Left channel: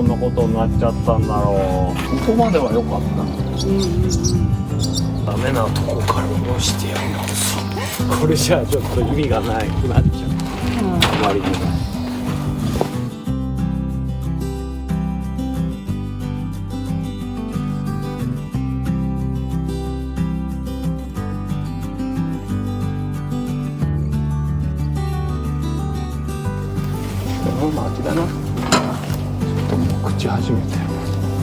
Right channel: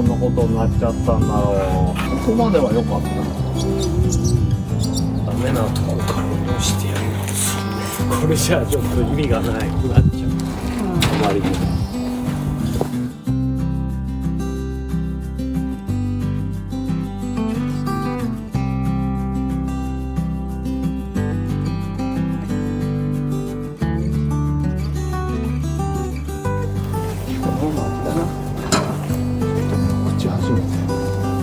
こんなことになっちゃったんだろう。ここまでは良かった。ダメなとこから下ろしてやる。これじゃあちょっと意味がないくなっちゃう。あまりにも。巻きだな。ちょっともう口始めてる。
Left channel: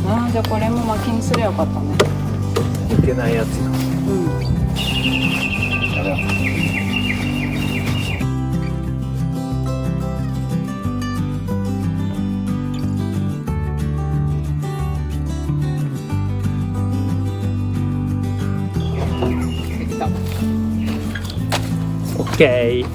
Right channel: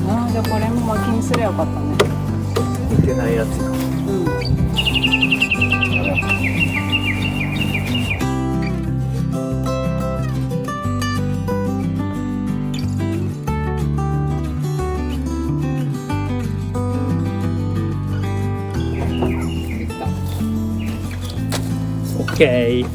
ああ、じゃあこれも巻きにすればよかったね。いけないやつや。やめよう。オッケー。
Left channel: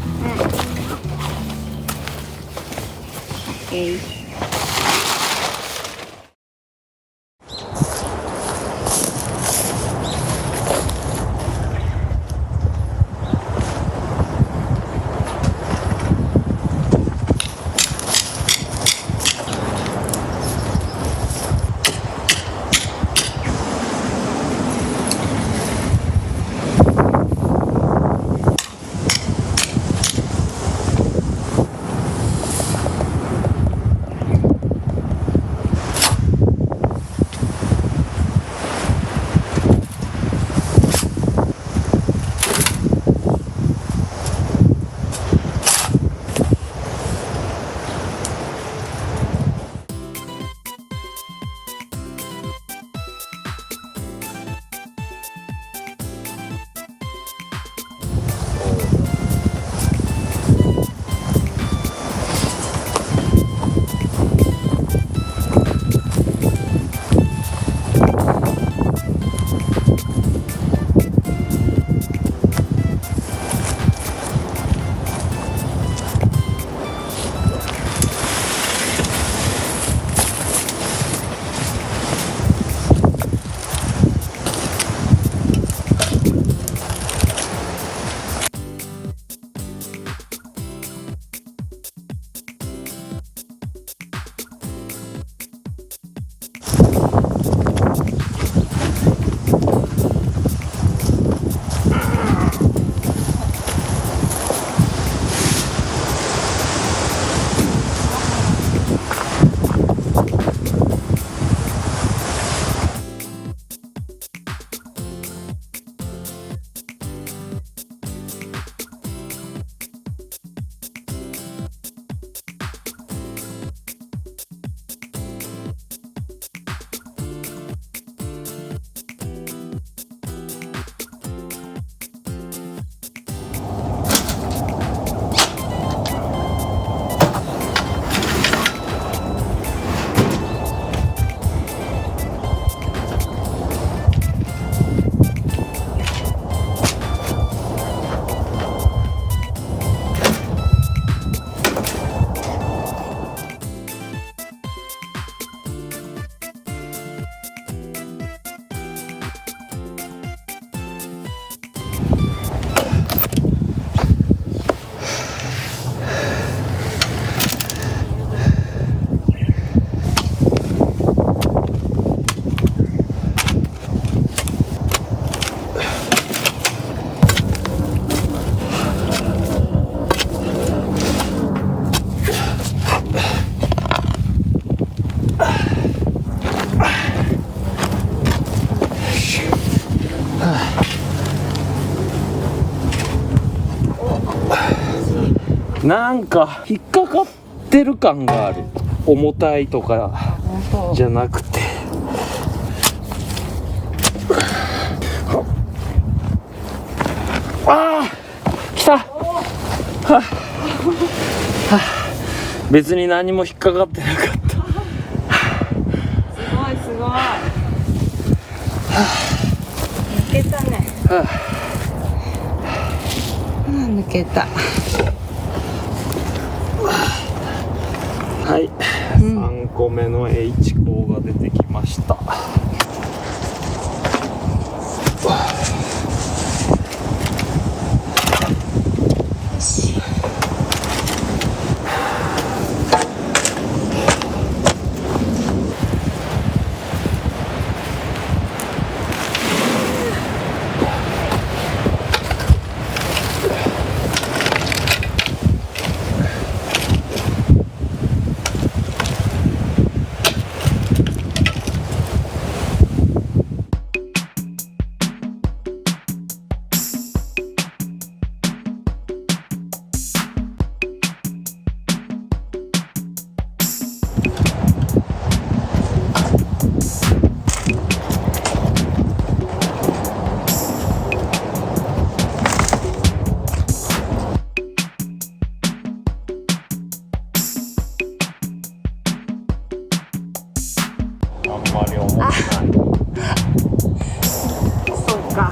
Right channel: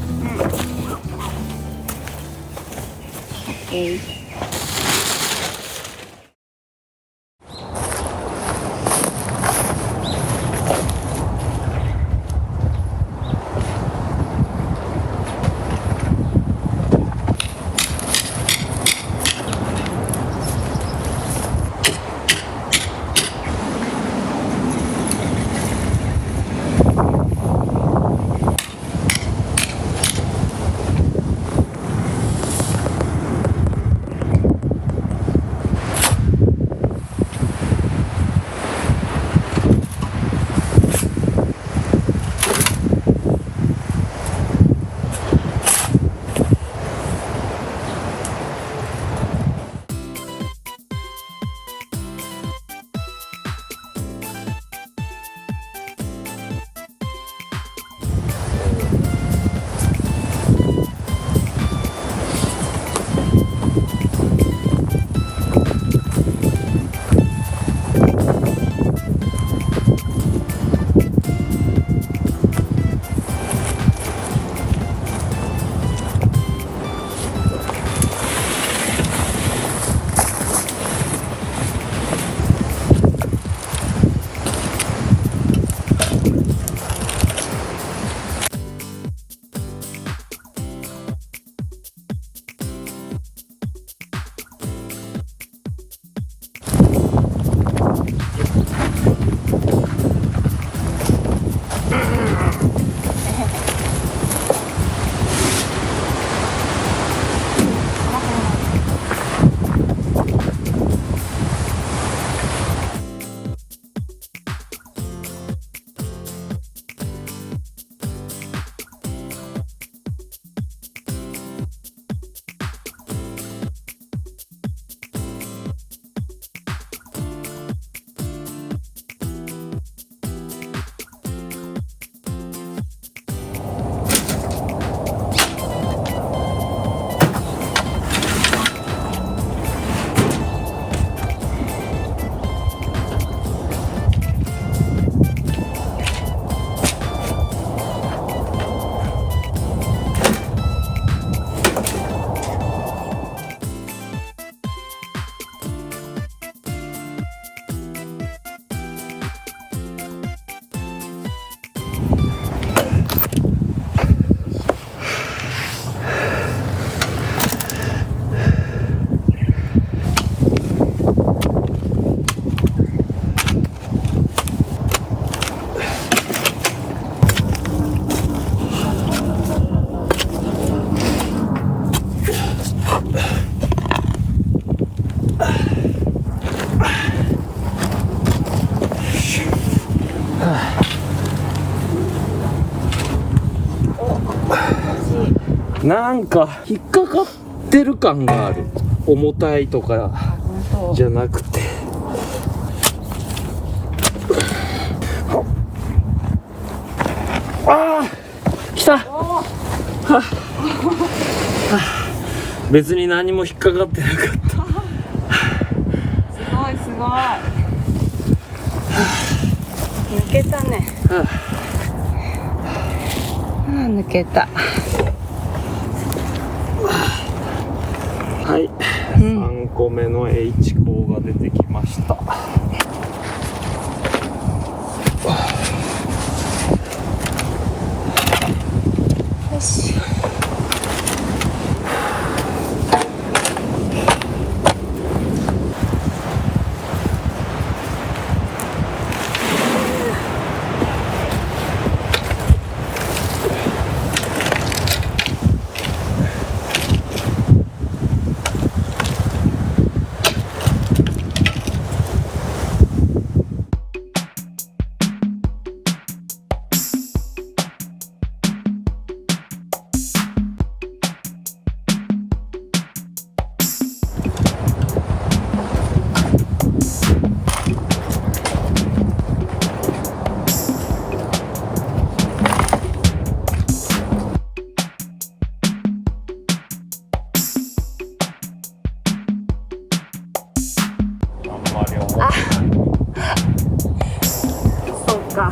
なんか引っかかってる感がある。重たいとかじゃなくて。ああ来た。は別に何も引っかかってなかった。すごいすごい。抜けたね。抜けた。はい、3個目の H 項が出てきました。よし。あ、そうか。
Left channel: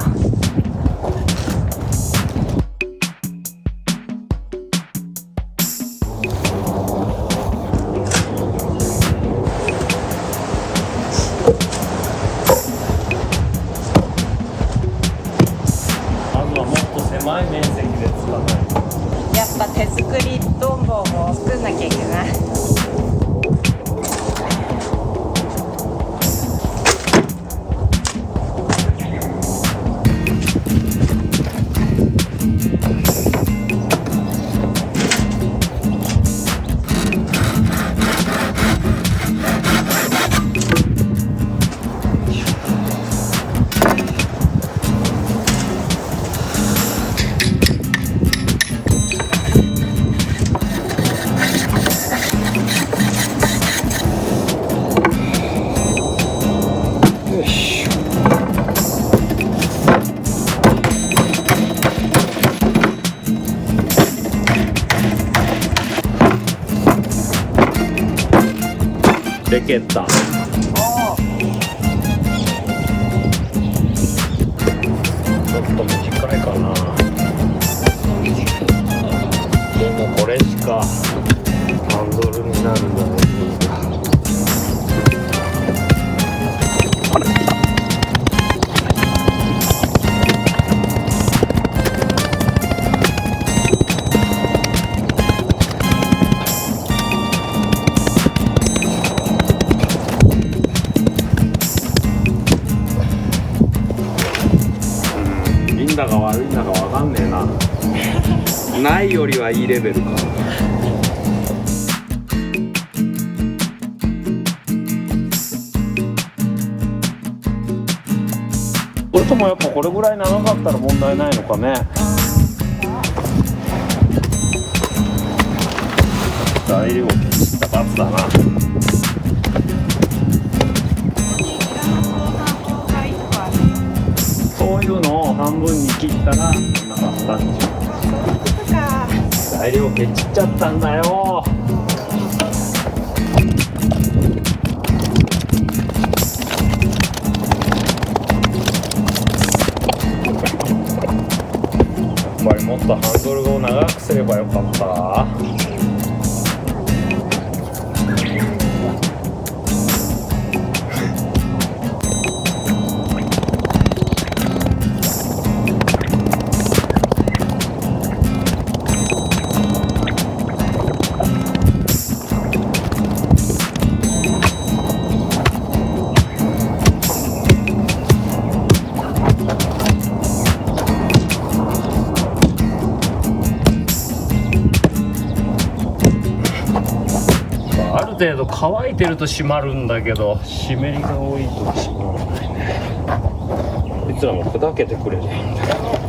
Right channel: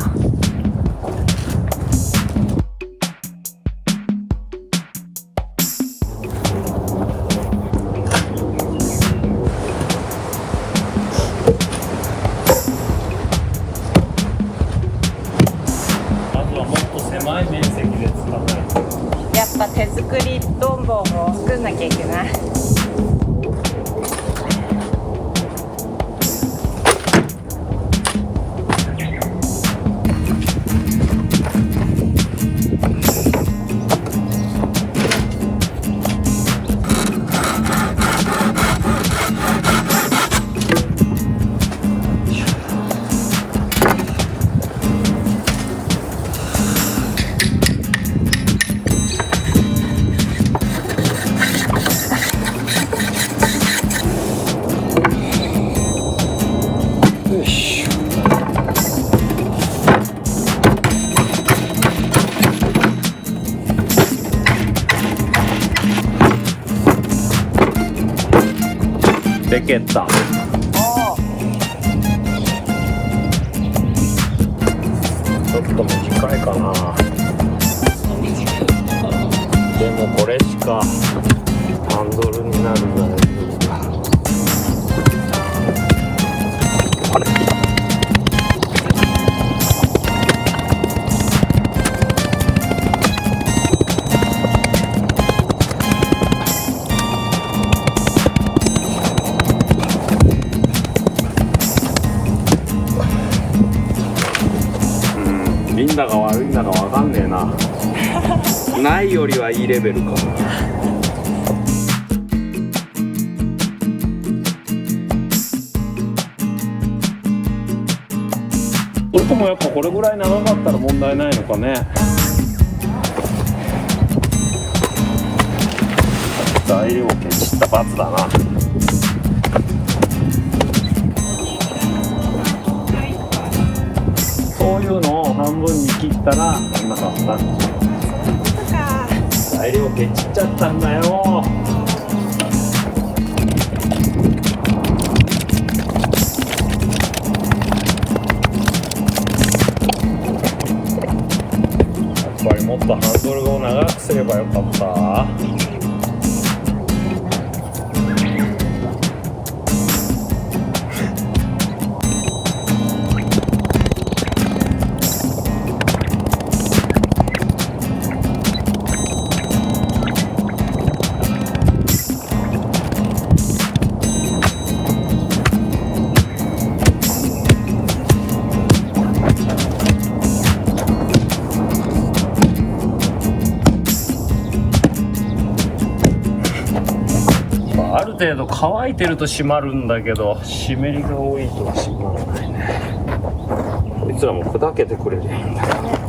まずはもっと狭い面積で使わないと。やっぱ手作りどんぼを作んなきゃいけない。よし。でけた。おお。ちょっと短いかな。でもこれしかハンドルになるんだね。いいんだか悪いんだかわかんねえな。ないよりはいいレベルかな。それともやっぱこれぐらい長かったら問題ないのかね。材料をケチった罰だな。そういうのを半分に切ったらなんなかったんでしょ。そういうことか。材料ケチっちゃったんだよ。やっぱりもっとハンドルを長くすればよかった。ある程度乾いてると締まるんだけど、湿りが多いと締まらないね。こいつらも砕けてくれりゃいいんだけど。